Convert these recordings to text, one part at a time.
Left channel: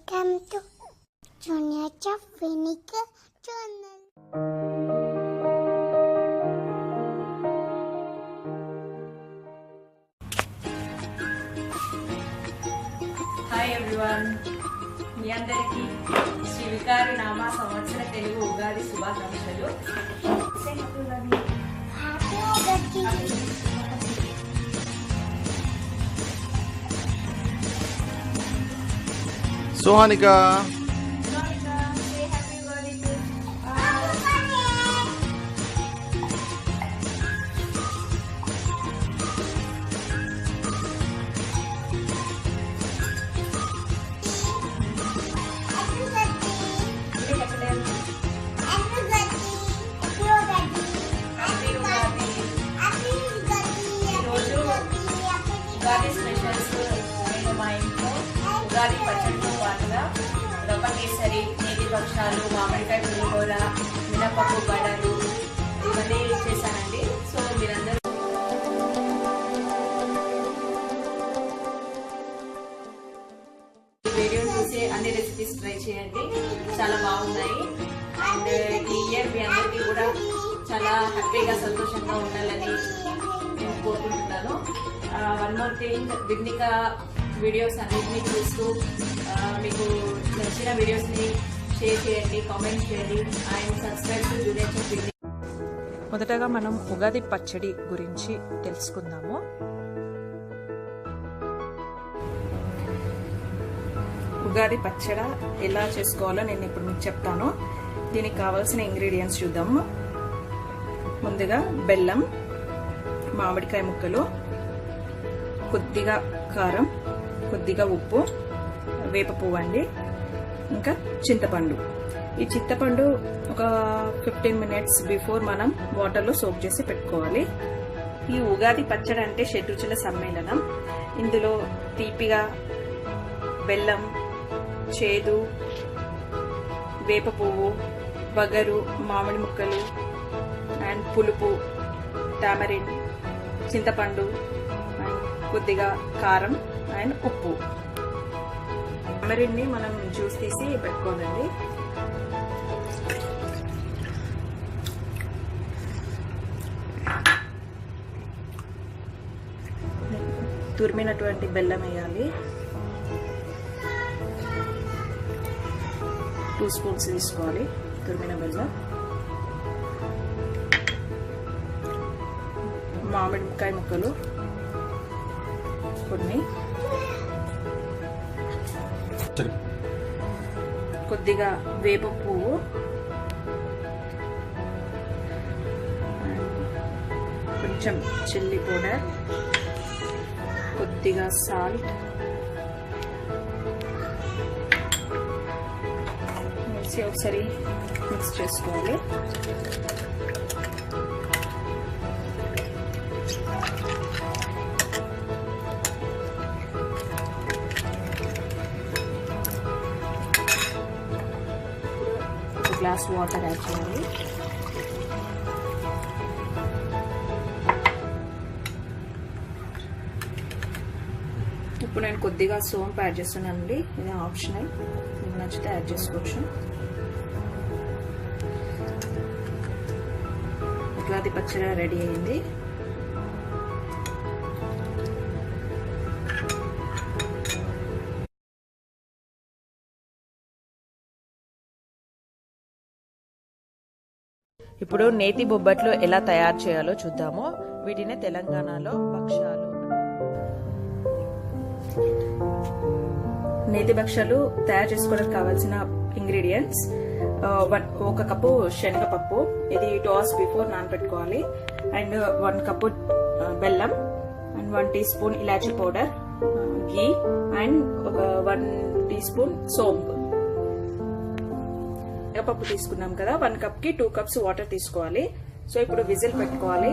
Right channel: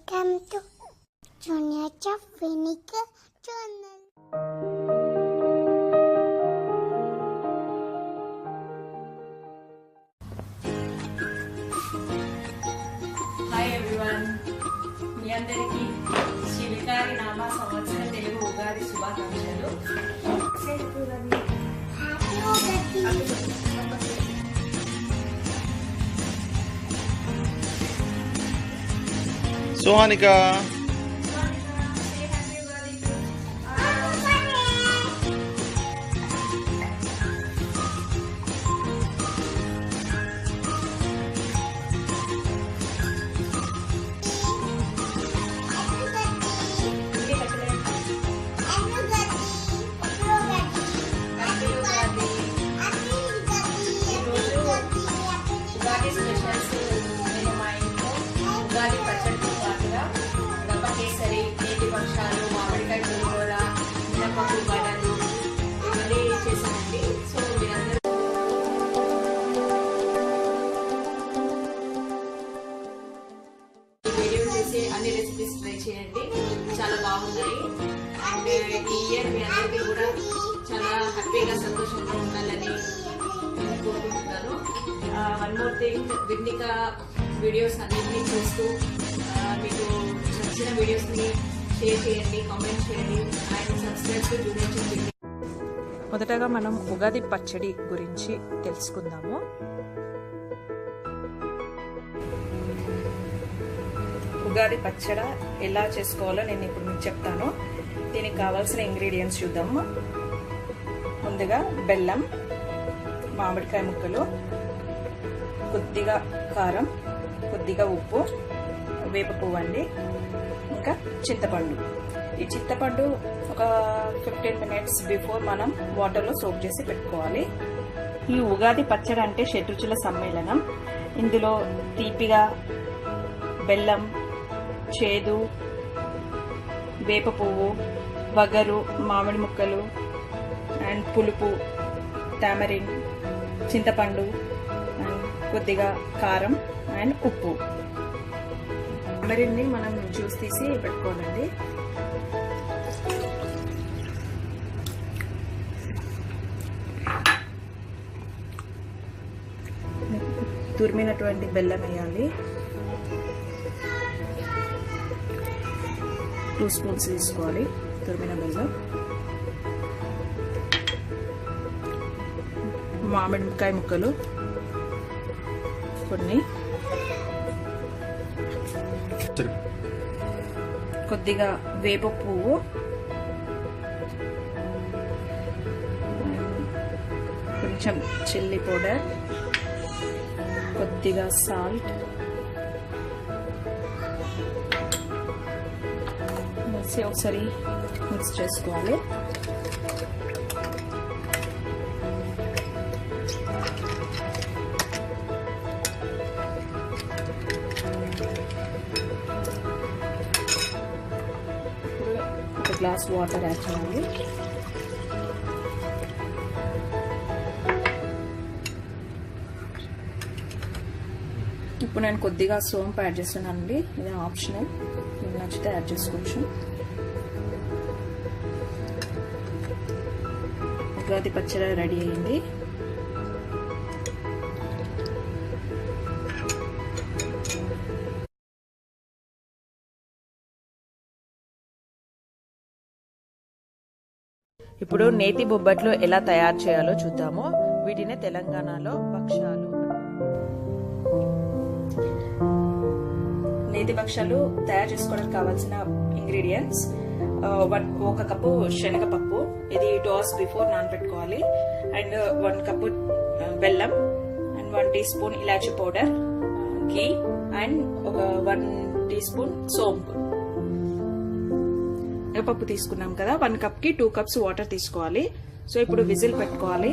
Welcome to Junior Chef Vignikha channel. Hi everyone. మీ అందరికీ శ్రీ వికారి నామ సంవత్సర తెలుగు ఉగాది శుభాకాంక్షలు. Happy Ugadi. Sohanika. Say happy Ugadi to Ugadi specials నేను మా ఇంట్లో ఉగాది పచ్చడితో పాటుగా రవ్వ కేసరి, నేతి భక్షాలు, మామిడికాయ పులిహోర, మినపప్పు వడలు ఇవన్నీ చేశానండి. సో మీరందరూ వీడియో చూసి అన్ని రెసిపీస్ ట్రై చేయండి, చాలా బాగున్నాయి. అండ్ ఈ ఇయర్ మీ అందరికీ కూడా చాలా హ్యాపీగా సంతోషంగా ఉండాలని నేను కోరుకుంటున్నాను. One more thing, Vighnika videos అన్నింటినీ చూస్తూ మీకు నచ్చిన వీడియోస్ని షేర్ చేయండి, కామెంట్ చేయండి and subscribe to junior chef Vighnika. మొదటగా మనం ఉగాది పచ్చడి గురించి తెలుసుకుందాము. ఉగాది పచ్చడి ఎలా చేసుకోవాలో నేను ఇప్పుడు మీకు చెప్తాను. దీనికి కావాల్సిన ఇంగ్రీడియంట్స్ చూద్దాము. ముందుగా బెల్లం, మామిడికాయ ముక్కలు, కొద్దిగా కారం, కొద్దిగా ఉప్పు, వేప పువ్వు అండి, ఇంకా చింతపండు. ఈ చింతపండు ఒక 15 minutes బిఫోర్ మనం వాటర్లో సోక్ చేసి పెట్టుకోవాలి. ఈ ఉగాది పచ్చడి అంటే షడ్రుచుల సమ్మేళనం. ఇందులో తీపిగా బెల్లం, చేదు, వేప పువ్వు, వగరు, మామిడి ముక్కలు అండ్ పులుపు, టామరిన్, చింతపండు, కొద్దిగా కారం అండ్ ఉప్పు. టామరిన్ని మనం జ్యూస్ తీసి పెట్టుకోవాలండి. తురిమినటువంటి బెల్లం వేయాలి. 2 స్పూన్స్ తీసుకోవాలి తురిమిన బెల్లం. మామిడికాయ ముక్కలు కొన్ని, కొద్దిగా వేప పువ్వు, కొంచెం చిల్లీ పౌడర్, కొద్దిగా సాల్ట్ వేసి ఒకసారి మిక్స్ చేసుకోవాలి. ఒక గ్లాస్ వాటర్ యాడ్ చేయాలి. ఇప్పుడు నేను కొద్దిగా సోంపు యాడ్ చేస్తున్నానండి. ఇది ఆప్షనల్, మీకు నచ్చితే యాడ్ చేసుకోవచ్చు. ఉగాది పచ్చడి రెడీ అయింది. ఇప్పుడు నేతి బొబ్బట్లు ఎలా తయారు చేయాలో చూద్దాము. వీటినే తెలంగాణలో భక్షాలు. నేతి భక్షాలు తయారు చేసుకోవడానికి కావాల్సిన ఇంగ్రీడియంట్స్: 1 కప్పు శనగపప్పు, ఇది 2 hours బిఫోర్ నానబెట్టుకోవాలి. అండ్ 1 కప్పు బెల్లం అండ్ 1 టీ స్పూన్ ఇలాచీ పౌడర్, ఘీ అండ్ ఒక 1 టీ స్పూన్ సోంపు. శనగపప్పు తీసుకున్నాం కదా, 1 కప్కి 2 cups వాటర్ తీసుకోవాలి. సో ఇప్పుడు విజిల్ పెట్టుకోవాలి.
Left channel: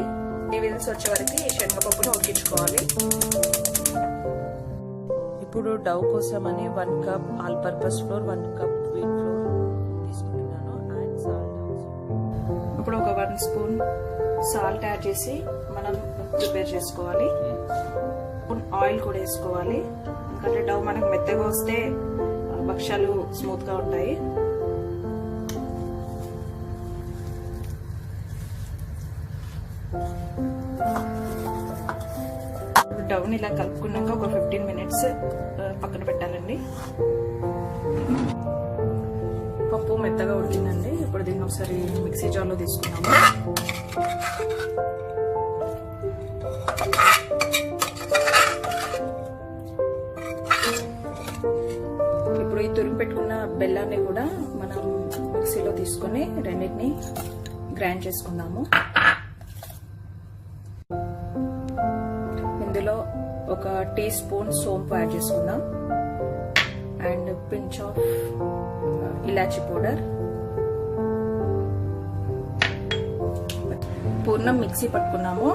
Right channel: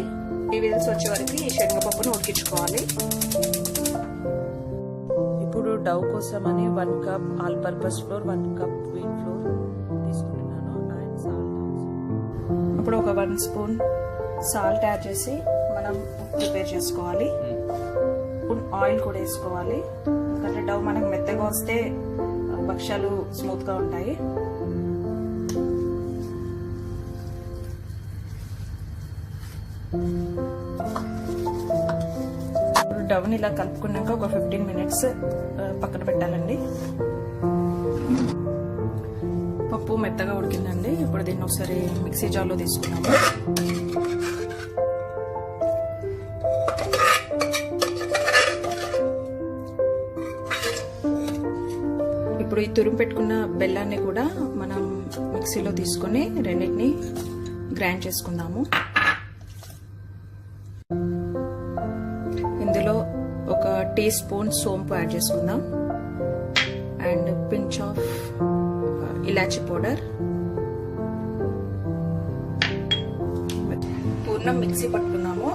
ఈ విజిల్స్ వచ్చే వరకు ఈ శనగపప్పును ఉడికించుకోవాలి. ఇప్పుడు డౌ కోసమని 1 cup all purpose floor, 1 cup wheat flour తీసుకుంటున్నాను అండ్ సాల్ట్. ఇప్పుడు ఒక 1 స్పూన్ సాల్ట్ యాడ్ చేసి మనం ప్రిపేర్ చేసుకోవాలి. ఆయిల్ కూడా వేసుకోవాలి, ఎందుకంటే డవ్ మనకు మెత్తగా వస్తే భక్ష్యాలు స్మూత్గా ఉంటాయి. డవ్ని ఇలా కలుపుకున్నాక ఒక 15 మినిట్స్ పక్కన పెట్టాలండి. పప్పు మెత్తగా ఉడికిందండి. ఇప్పుడు దీన్ని ఒకసారి మిక్సీ జార్లో తీసుకున్నాము. ఇప్పుడు ఈ తురిమి పెట్టుకున్న బెల్లాన్ని కూడా మనం మిక్సీలో తీసుకొని రెండింటిని గ్రైండ్ చేసుకుందాము. ఇందులో ఒక టీ స్పూన్ సోంపు యాడ్ చేసుకుందాం and pinch of elaichi powder. పూర్ణం మిక్సీ పట్టుకున్నాము.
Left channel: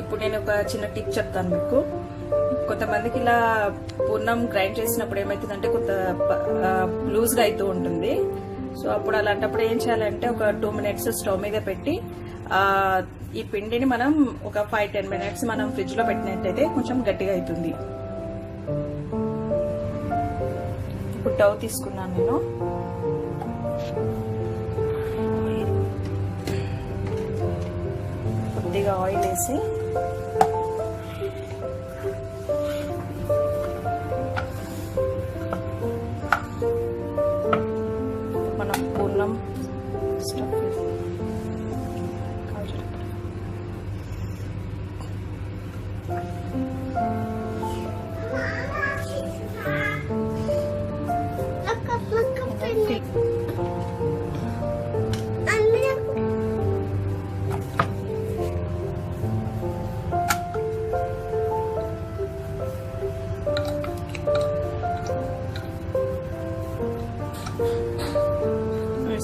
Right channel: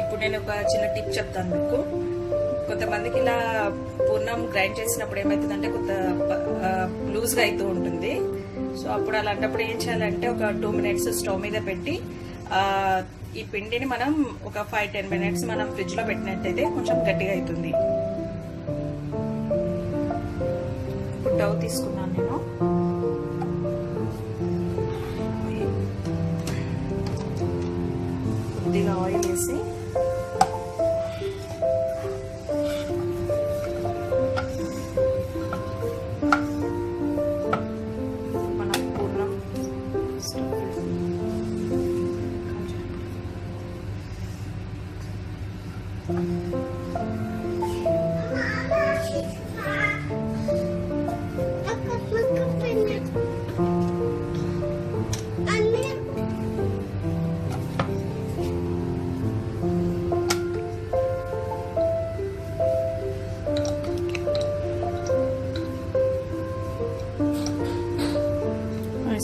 ఇప్పుడు నేను ఒక చిన్న టిప్ చెప్తాను మీకు. కొంతమందికి ఇలా పూర్ణం గ్రైండ్ చేసినప్పుడు ఏమవుతుందంటే కొంత లూజ్గా అవుతూ ఉంటుంది. సో అప్పుడు అలాంటప్పుడు ఏం చేయాలంటే ఒక 2 మినిట్స్ స్టవ్ మీద పెట్టి ఈ పిండిని మనం ఒక 5-10 మినిట్స్ మనం ఫ్రిడ్జ్ లో పెట్టినట్టయితే కొంచెం గట్టిగా అవుతుంది. ఇప్పుడు డవ్ తీసుకున్నాను నేను. కొద్దిగా ఆయిల్ వేసి మనం పూర్ణం స్టఫ్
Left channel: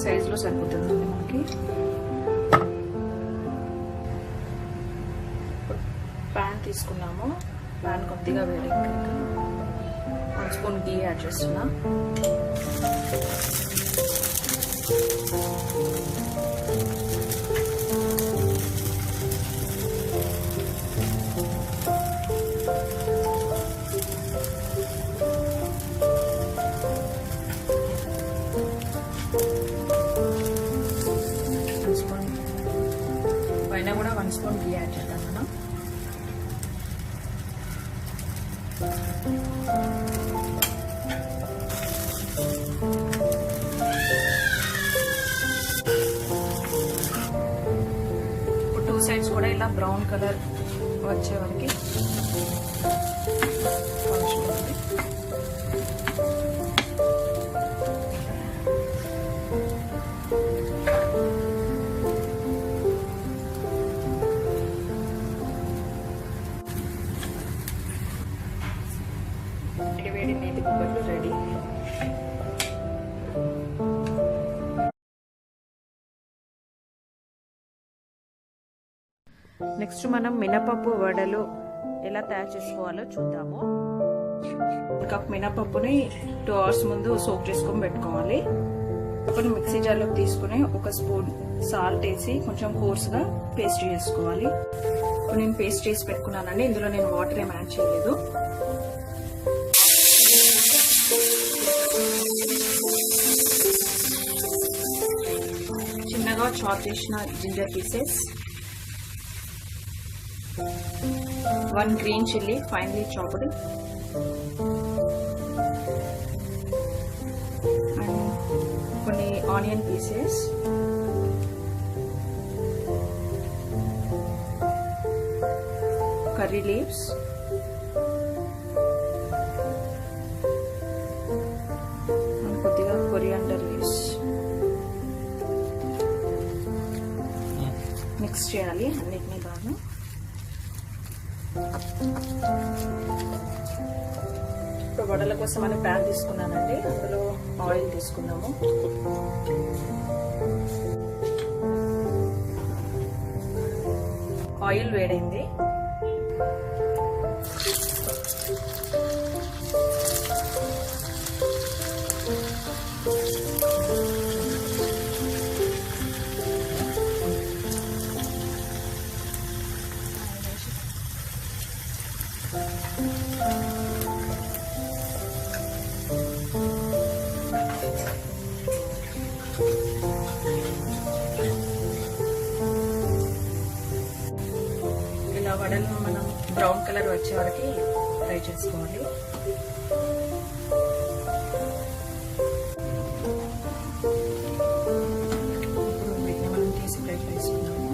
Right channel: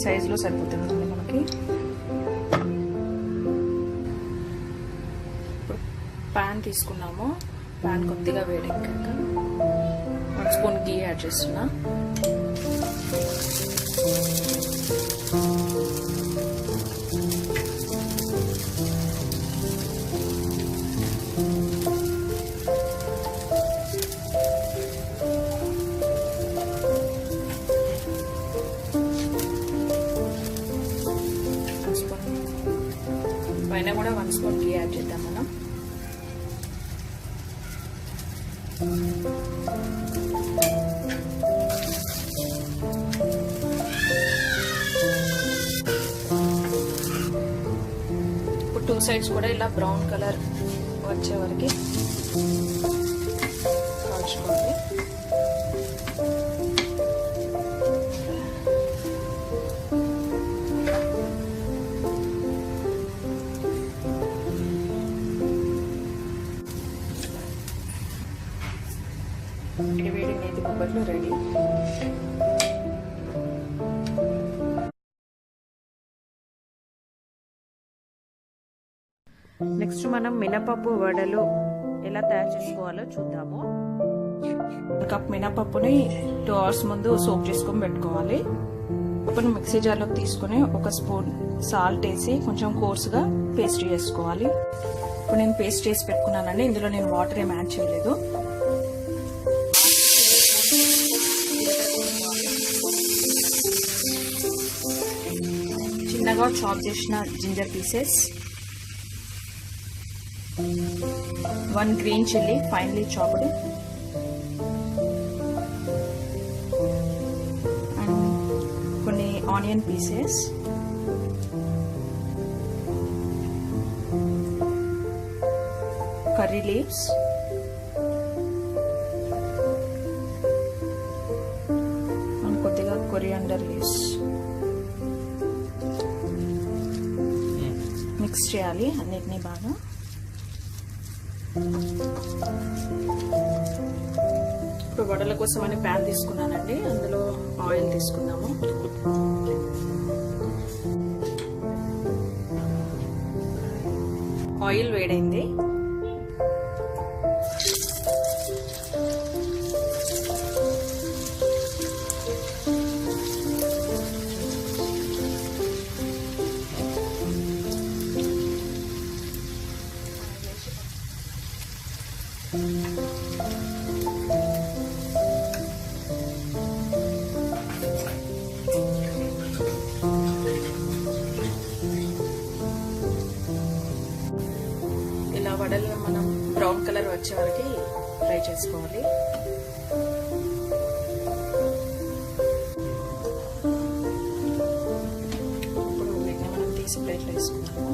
సైజులో సరిపోతుంది మనకి. ప్యాన్ తీసుకున్నాము. ప్యాన్ కొద్దిగా వేడెక్కాక 1 స్పూన్ గీ యాడ్ చేస్తున్నా. పైన కూడా 1 స్పూన్ గీ యాడ్ చేద్దాం మనం. ఇప్పుడు 2 సైడ్స్ కూడా ఇలా బ్రౌన్ కలర్ వచ్చే వరకు కాల్చుకోవాలి. వేడి నేతి బొబ్బట్లు రెడీ. నెక్స్ట్ మనం మినపప్పు వడలు ఎలా తయారు చేసుకోవాలో చూద్దాము. 1 కప్ మినపప్పుని 2 అవర్స్ ముందు సోక్ చేసుకొని పెట్టుకోవాలి. ఇప్పుడు మిక్సీ జార్లోకి తీసుకుని 1 స్పూన్ సాల్ట్ వేసి కొంచెం కోర్సుగా పేస్ట్ చేసుకోవాలి. ఇప్పుడు నేను పేస్ట్ చేసి పెట్టుకున్నానండి. ఇందులో నేను వాటర్ ఏం యాడ్ చేయలేదు. చిన్నగా చాప్ చేసిన ginger pieces, 1 green chilli finely chopped, కొన్ని ఆనియన్ పీసెస్, కర్రీ లీవ్స్, కొద్దిగా కొరియాండర్ లీవ్స్ మిక్స్ చేయాలి అన్నిటినీ బాగా. ఇప్పుడు వడల కోసం అని ప్యాన్ తీసుకున్నానండి. అందులో ఆయిల్ తీసుకున్నాము. ఆయిల్ వేడైంది. వచ్చే వరకు ఫ్రై చేసుకోవాలి. ఇప్పుడు వీటిని మనం తీసి ప్లేట్లో వేసుకుందాము.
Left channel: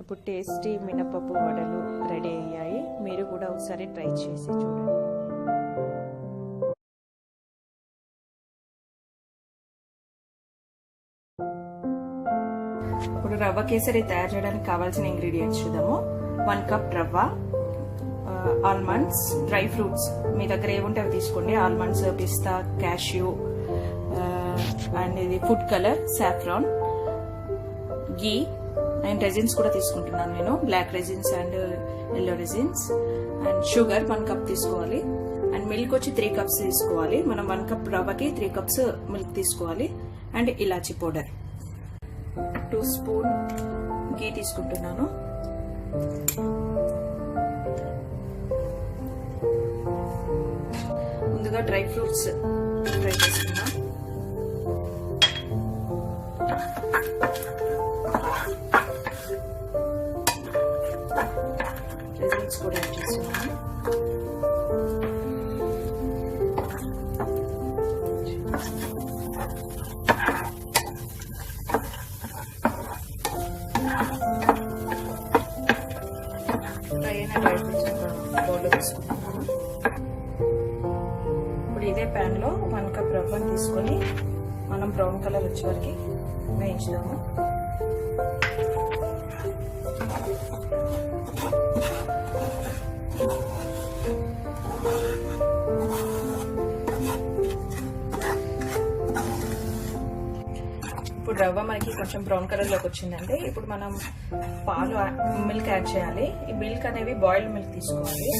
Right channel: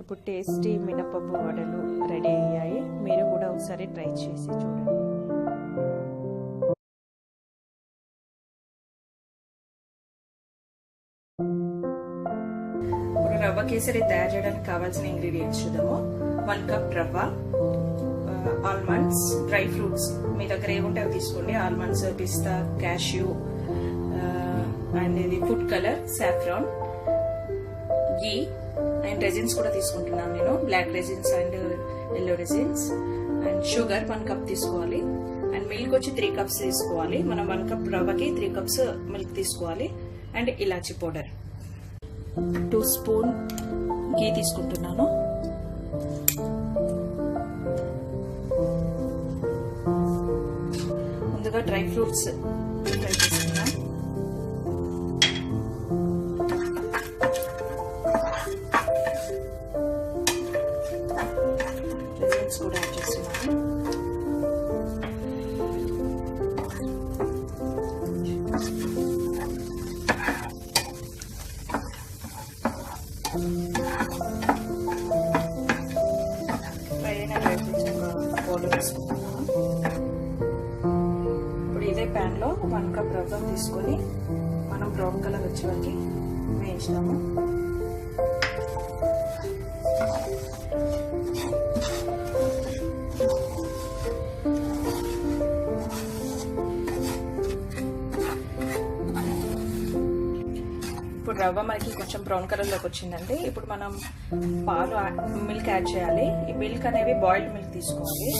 ఇప్పుడు టేస్టీ మినపప్పు వడలు రెడీ అయ్యాయి. మీరు కూడా ఒకసారి ట్రై చేసి చూడండి. ఇప్పుడు రవ్వ కేసరి తయారు చేయడానికి కావాల్సిన ఇంగ్రీడియంట్స్ చూద్దాము. 1 కప్ రవ్వ, ఆల్మండ్స్, డ్రై ఫ్రూట్స్ మీ దగ్గర ఏముంటే అవి తీసుకోండి. ఆల్మండ్స్, పిస్తా, క్యాష్యూ అండ్ ఇది food colour, saffron, ghee and raisins కూడా తీసుకుంటున్నాను నేను. Black raisins and yellow raisins and sugar 1 cup తీసుకోవాలి. అండ్ మిల్క్ వచ్చి 3 కప్స్ తీసుకోవాలి. మనం 1 కప్ రవ్వకి 3 కప్స్ మిల్క్ తీసుకోవాలి. అండ్ ఇలాచి పౌడర్ 2 స్పూన్ గీ తీసుకుంటున్నాను. ముందుగా డ్రై ఫ్రూట్స్ ఫ్రై చేసుకున్నాం. రెజిన్స్ కూడా యాడ్ చేస్తున్నాను. ఇప్పుడు ఇదే ప్యాన్ లో 1 కప్ రవ్వను తీసుకొని మనం బ్రౌన్ కలర్ వచ్చే వరకు వేయించుదాము. ఇప్పుడు రవ్వ మనకి కొంచెం బ్రౌన్ కలర్ లోకి వచ్చిందంటే ఇప్పుడు మనం పాలు మిల్క్ యాడ్ చేయాలి. ఈ మిల్క్ అనేవి బాయిల్డ్ మిల్క్ తీసుకోవాలి.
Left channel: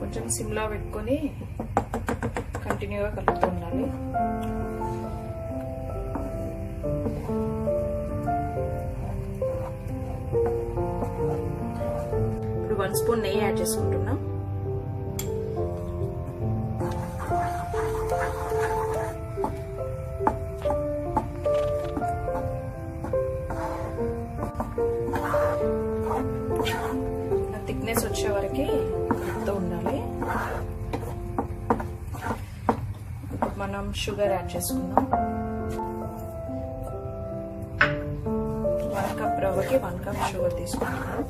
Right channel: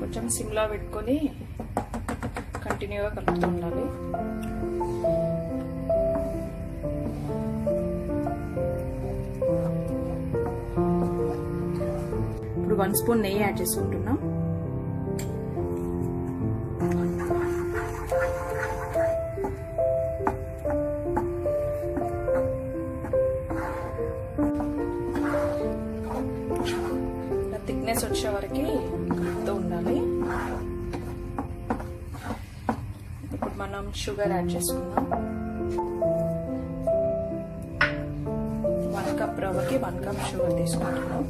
కొంచెం సిమ్లో పెట్టుకొని కంటిన్యూగా కలుపుతూ ఉండాలి. ఇప్పుడు 1 స్పూన్ నెయ్యి యాడ్ చేసుకుంటున్నాం. థిక్నెస్ వచ్చే వరకు కలుపుతూ ఉండాలి. ఇప్పుడు మనం షుగర్ యాడ్ చేసుకుందాం. 1 కప్ రవ్వకి 1 కప్ షుగర్ తీసుకుంటున్నాం.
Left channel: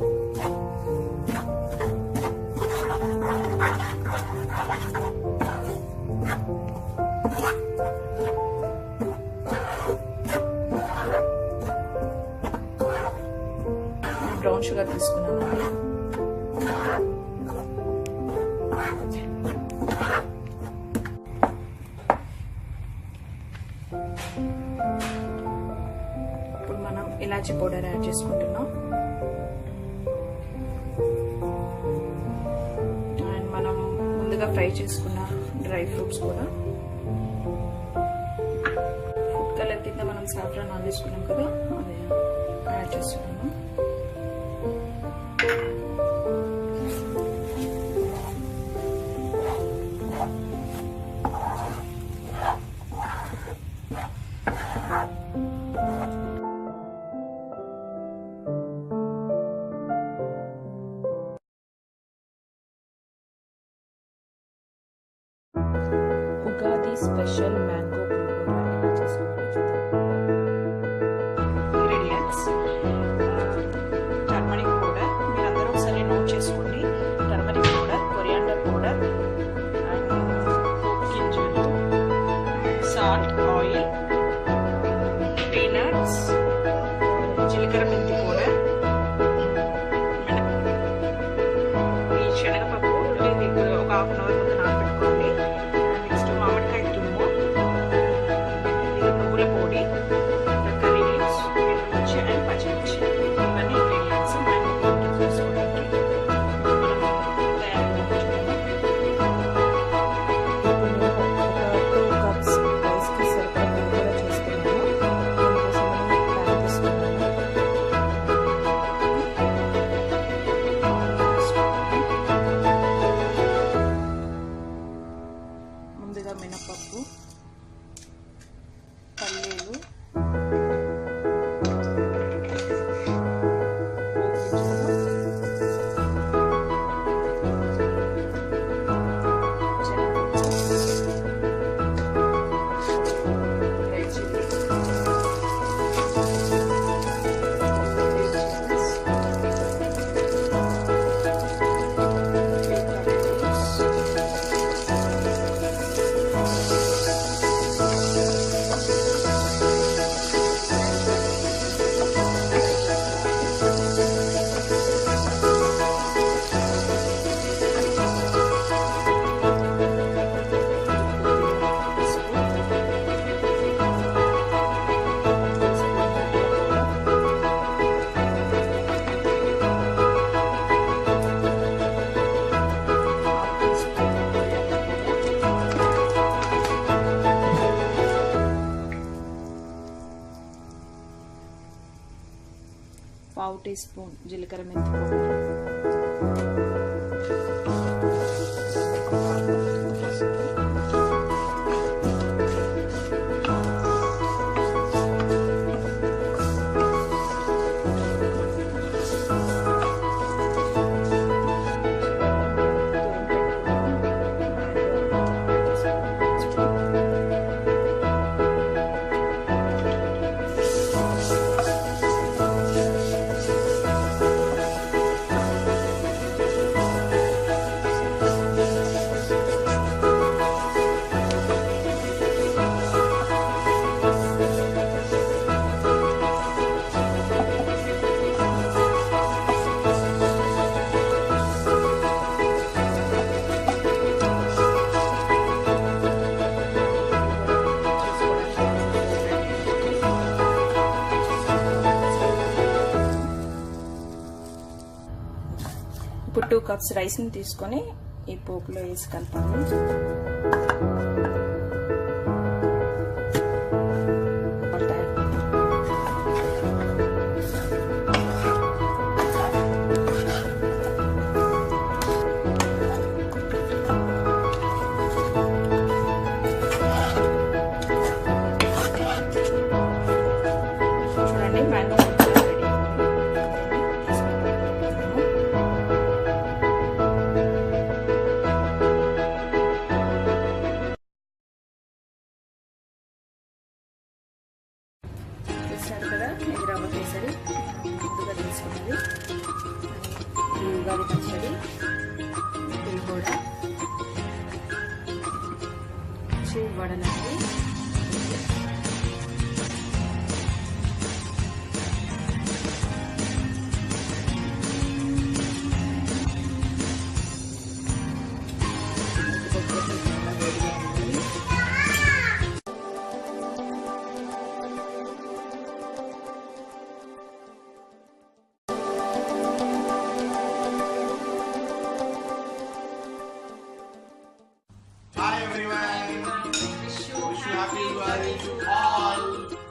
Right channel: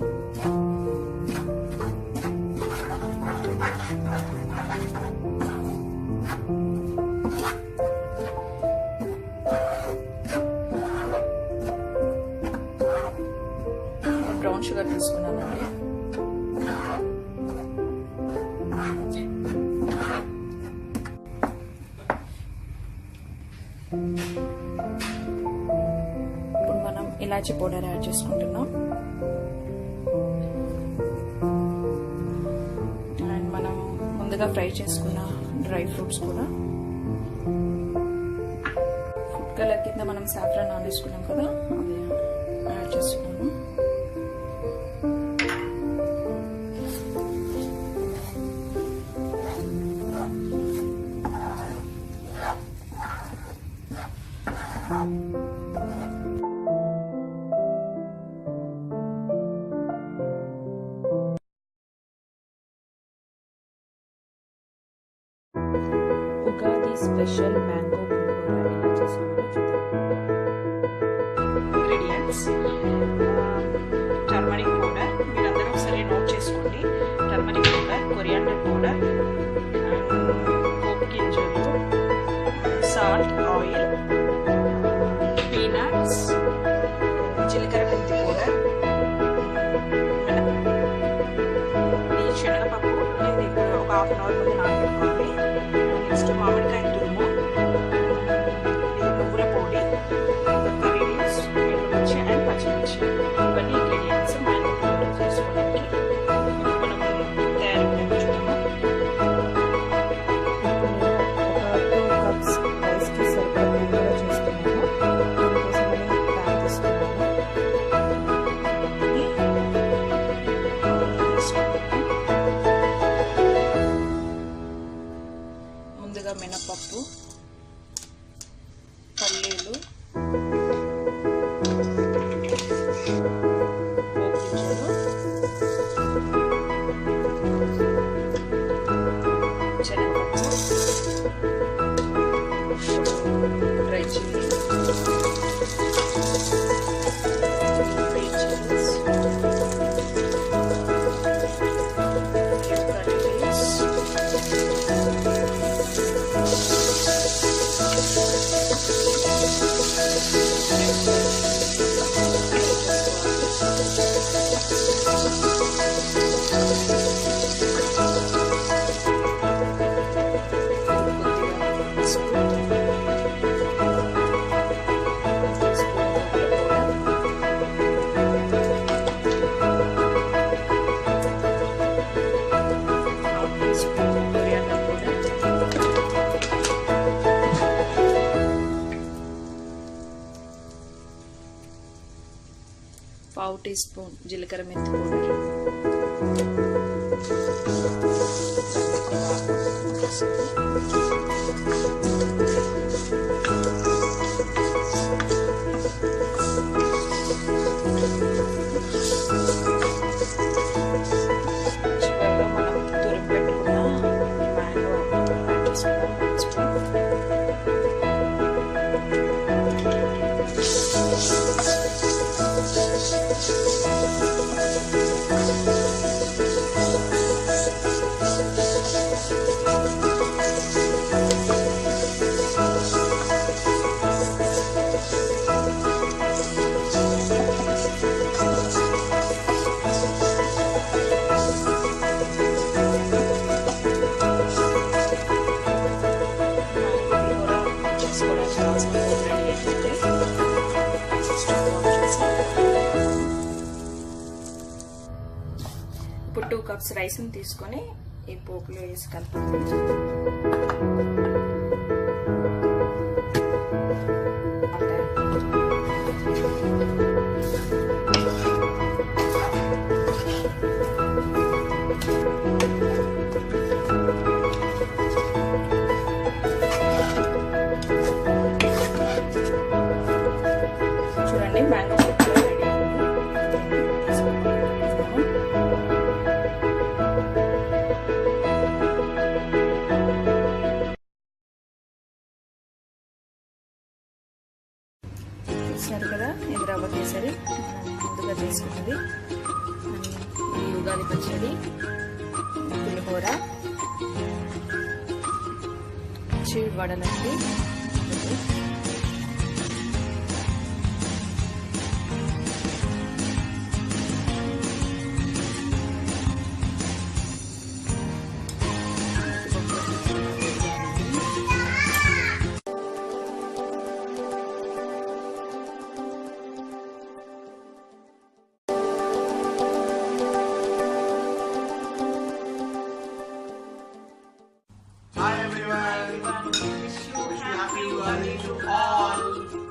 బ్రౌన్ షుగర్ తీసుకున్నానండి. ఇప్పుడు మనం ఇలాచి పౌడర్ యాడ్ చేసుకుంటున్నాం. అండ్ మనం ముందుగా ఫ్రై చేసుకున్న డ్రై ఫ్రూట్స్ కూడా, ఫుడ్ కలర్ కింద మనం సాఫ్రాన్ ఆన్ వేసుకున్నాం కదా, అది యాడ్ చేసుకున్నాం. ఉగాది స్పెషల్ మ్యాంగో పులిహోర ఎలా చేస్తామో చూద్దాం. ఇంగ్రీడియంట్స్: టర్మరిక్ పౌడర్, మీరందరూ ఒకసారి నోట్ చేసుకోండి. Turmeric powder, coriander powder and పోపు గింజలు, సాల్ట్, ఆయిల్, పీనట్స్, జీలకర్ర మెంతి పౌడర్, ఈ శనగపప్పు ఇది ఇప్పుడు ఒక 1/2 అవర్ ముందు నానబెట్టుకోవాలి. నెక్స్ట్ మామిడికాయ తురుము, నువ్వుల పొడి, కర్రీ లీవ్స్, ఎండుమిర్చి అండ్ పచ్చిమిర్చి, ఇవన్నీ ఇంగ్రీడియంట్స్ మ్యాంగో పౌడర్ చేసుకోవడానికి. ఇప్పుడు మనం తయారీ చూద్దాము. Dry chilli, green chillies, curry leaves, పావు టీ స్పూన్ జీలకర్ర మెంతి పౌడర్, ఇప్పుడు 2 కప్స్ రైస్ని తీసుకొని ఈ పోపులో వేసి కలపాలి. చూడండి మ్యాంగో రెడీ అయింది. చూసారు కదా, ఇది రవ్వ కేసరి ముందుగా తీసుకున్నది. ఇది ఉగాది పచ్చడి, పులిహోర, వడలండి, Hi everyone! Wish you happy Ugadi to all!